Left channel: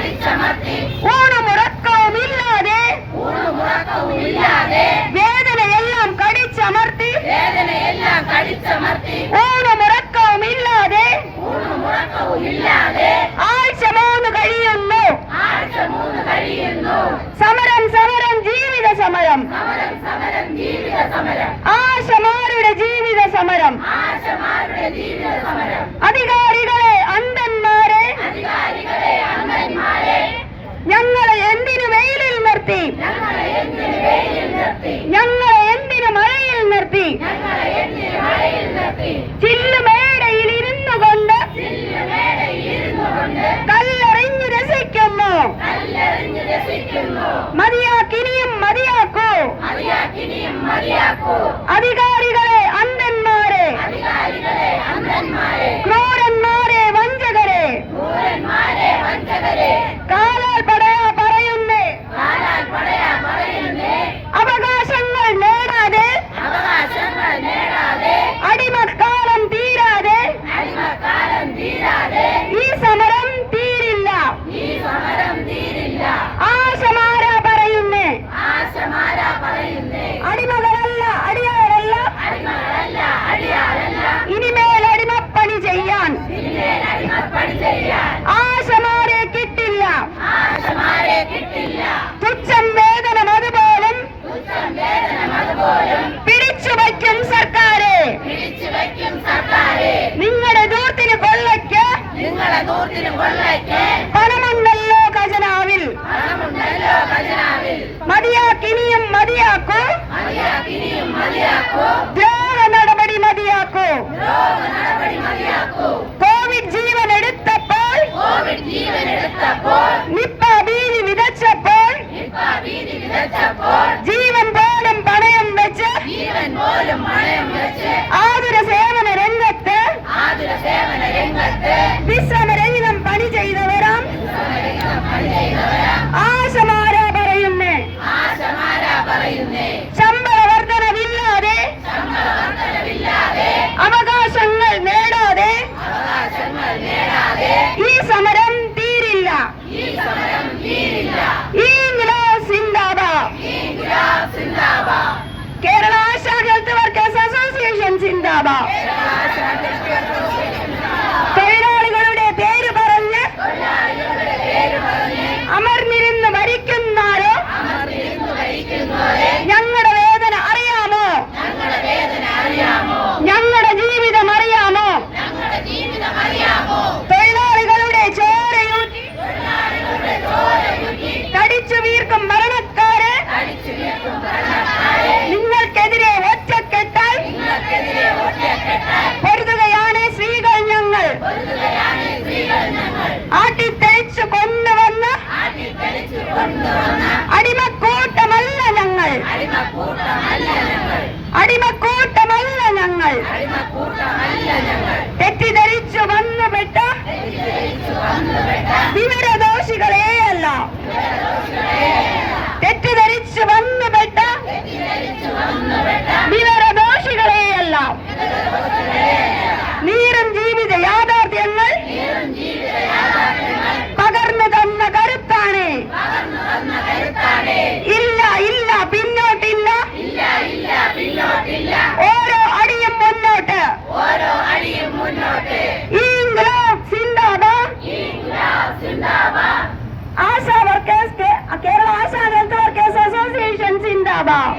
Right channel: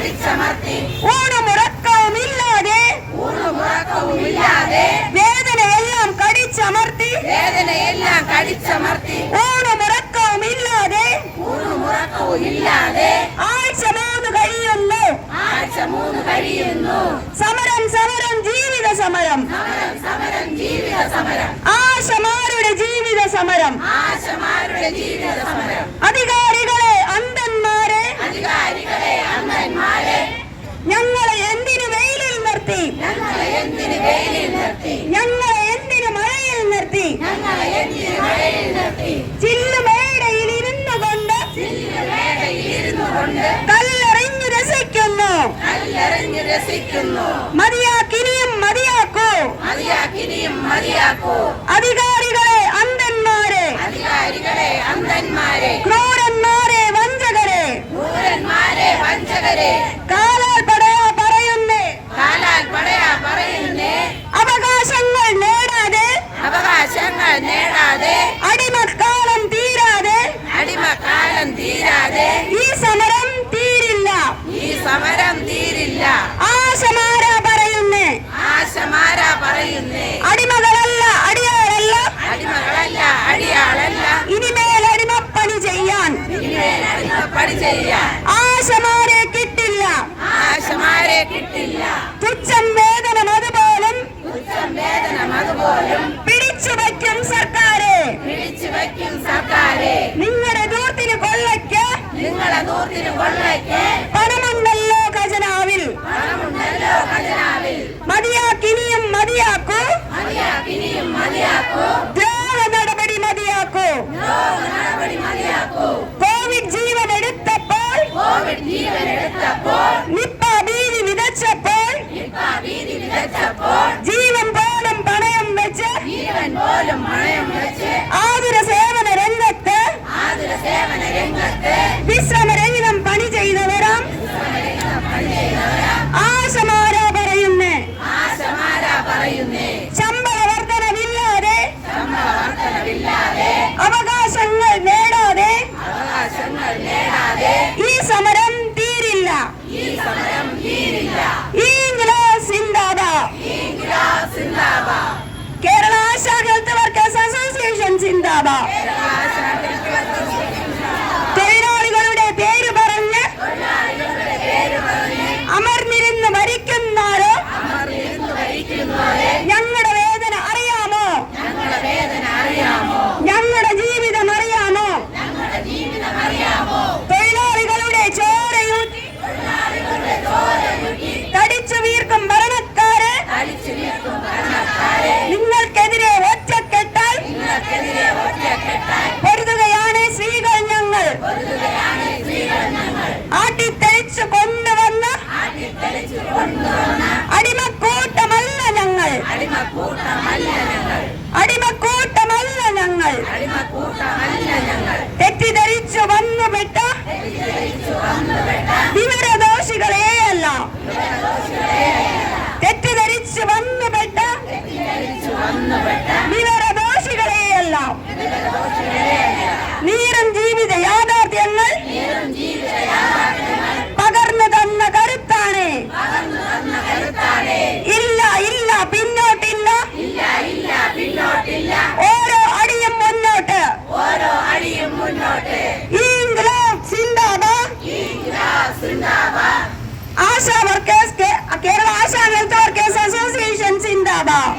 കടിച്ചമർത്തി ഊണുമുറക്കവുമില്ലാതെ ഊണുമുറക്കവുമില്ലാതെ വേദനയെല്ലാം കടിച്ചമർത്തി. വേദനയെല്ലാം കടിച്ചമർത്തി. ഊണുമുറക്കവുമില്ലാതെ ഊണുമുറക്കവുമില്ലാതെ ആഴ്ച മൂന്ന് കഴിയുന്നു. ആഴ്ച മൂന്ന് കഴിയുന്നു. സമരം സമരം ജീവിത സമരം. സമരം സമരം ജീവിത സമരം. ആശമാരുടെ ജീവിത സമരം. ആശമാരുടെ ജീവിത സമരം. അധികാരികളെ അന്ധന്മാരെ അധികാരികളെ അമ്മന്മാരെ ഞങ്ങളെ എന്തിനു വെയിലിൽ നിർത്തി. ഞങ്ങളെ എന്തിന് മഴയിൽ നിർത്തി? ചില്ലുമേടയിൽ ഇരുന്നു കൊണ്ട് കല്ലെറിഞ്ഞ് രസിക്കുന്നു. മതിയാക്കിനിയും മതിയാക്കൂ. മതിയാക്കിനിയും മതിയാക്കൂ അധികാരികളെ അന്ധന്മാരെ. അധികാരികളെ അന്ധന്മാരെ ക്രൂരന്മാരെ വഞ്ചകരെ ക്രൂരന്മാരെ വഞ്ചകരെ. നേടാതെ അടിമക്കാലം തീരാതെ അടിമക്കാലം തീരാതെ ഈ സമരം തീരില്ല. ഈ സമരം തീരില്ല. ആശമാര പറയുന്നേ. ആശമാരാ പറയുന്നേ. നിങ്ങളെ ദൂരത്തിന് കൊള്ളയ്ക്ക് പണമുണ്ടല്ലോ ഖജനാവിൽ പണമുണ്ടല്ലോ ഖജനാവിൽ മതിയാക്കിനിയും മതിയാക്കൂ മതിയാക്കിനിയും മതിയാക്കൂ ദ്രോഹ നടപടി മതിയാക്കൂ രോഗ നടപടി മതിയാക്കൂ കോവിഡ് ജീവൻ എടുത്തപ്പോൾ കോവിഡ് ജീവൻ എടുത്തപ്പോൾ നിപ്പ ഭീതി വിതച്ചപ്പോൾ നിപ്പ ഭീതി വിതച്ചപ്പോൾ ജീവൻ പോലും പണയം വെച്ച് ജീവൻ പോലും പണയം വെച്ച് ആതുര സേവന രംഗത്ത് ആതുര സേവന രംഗത്ത് വിശ്രമരഹിതം ആശാ വർക്കേഴ്സ് കേ- Kerala Asha health workers association സിന്ദാബാദ്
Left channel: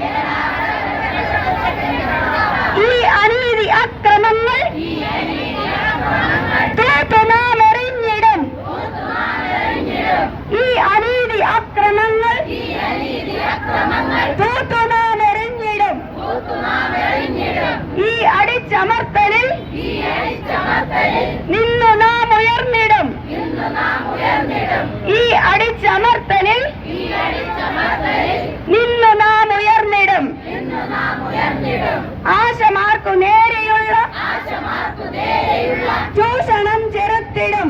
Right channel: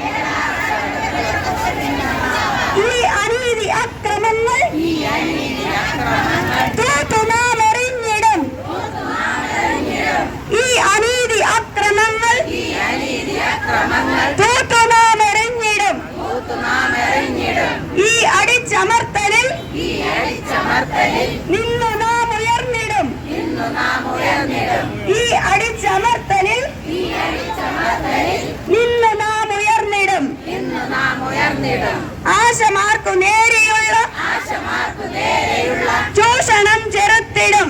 ആശമാർക്കു നേരെയുള്ള ചൂഷണം ചെറുത്തിടും.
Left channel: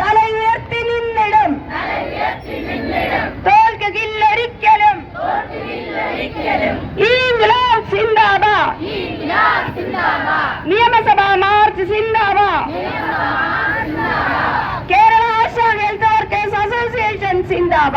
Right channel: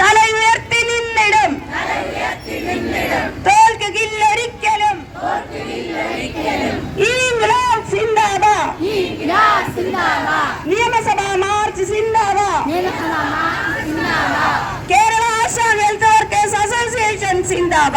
തല ഉയർത്തി നിന്നിടും. തോൽക്കുകയില്ലൊരിക്കലും നിയമസഭാ മാർച്ച് സിന്ദാബ. Kerala Asha welfare case association സിന്ദാബ.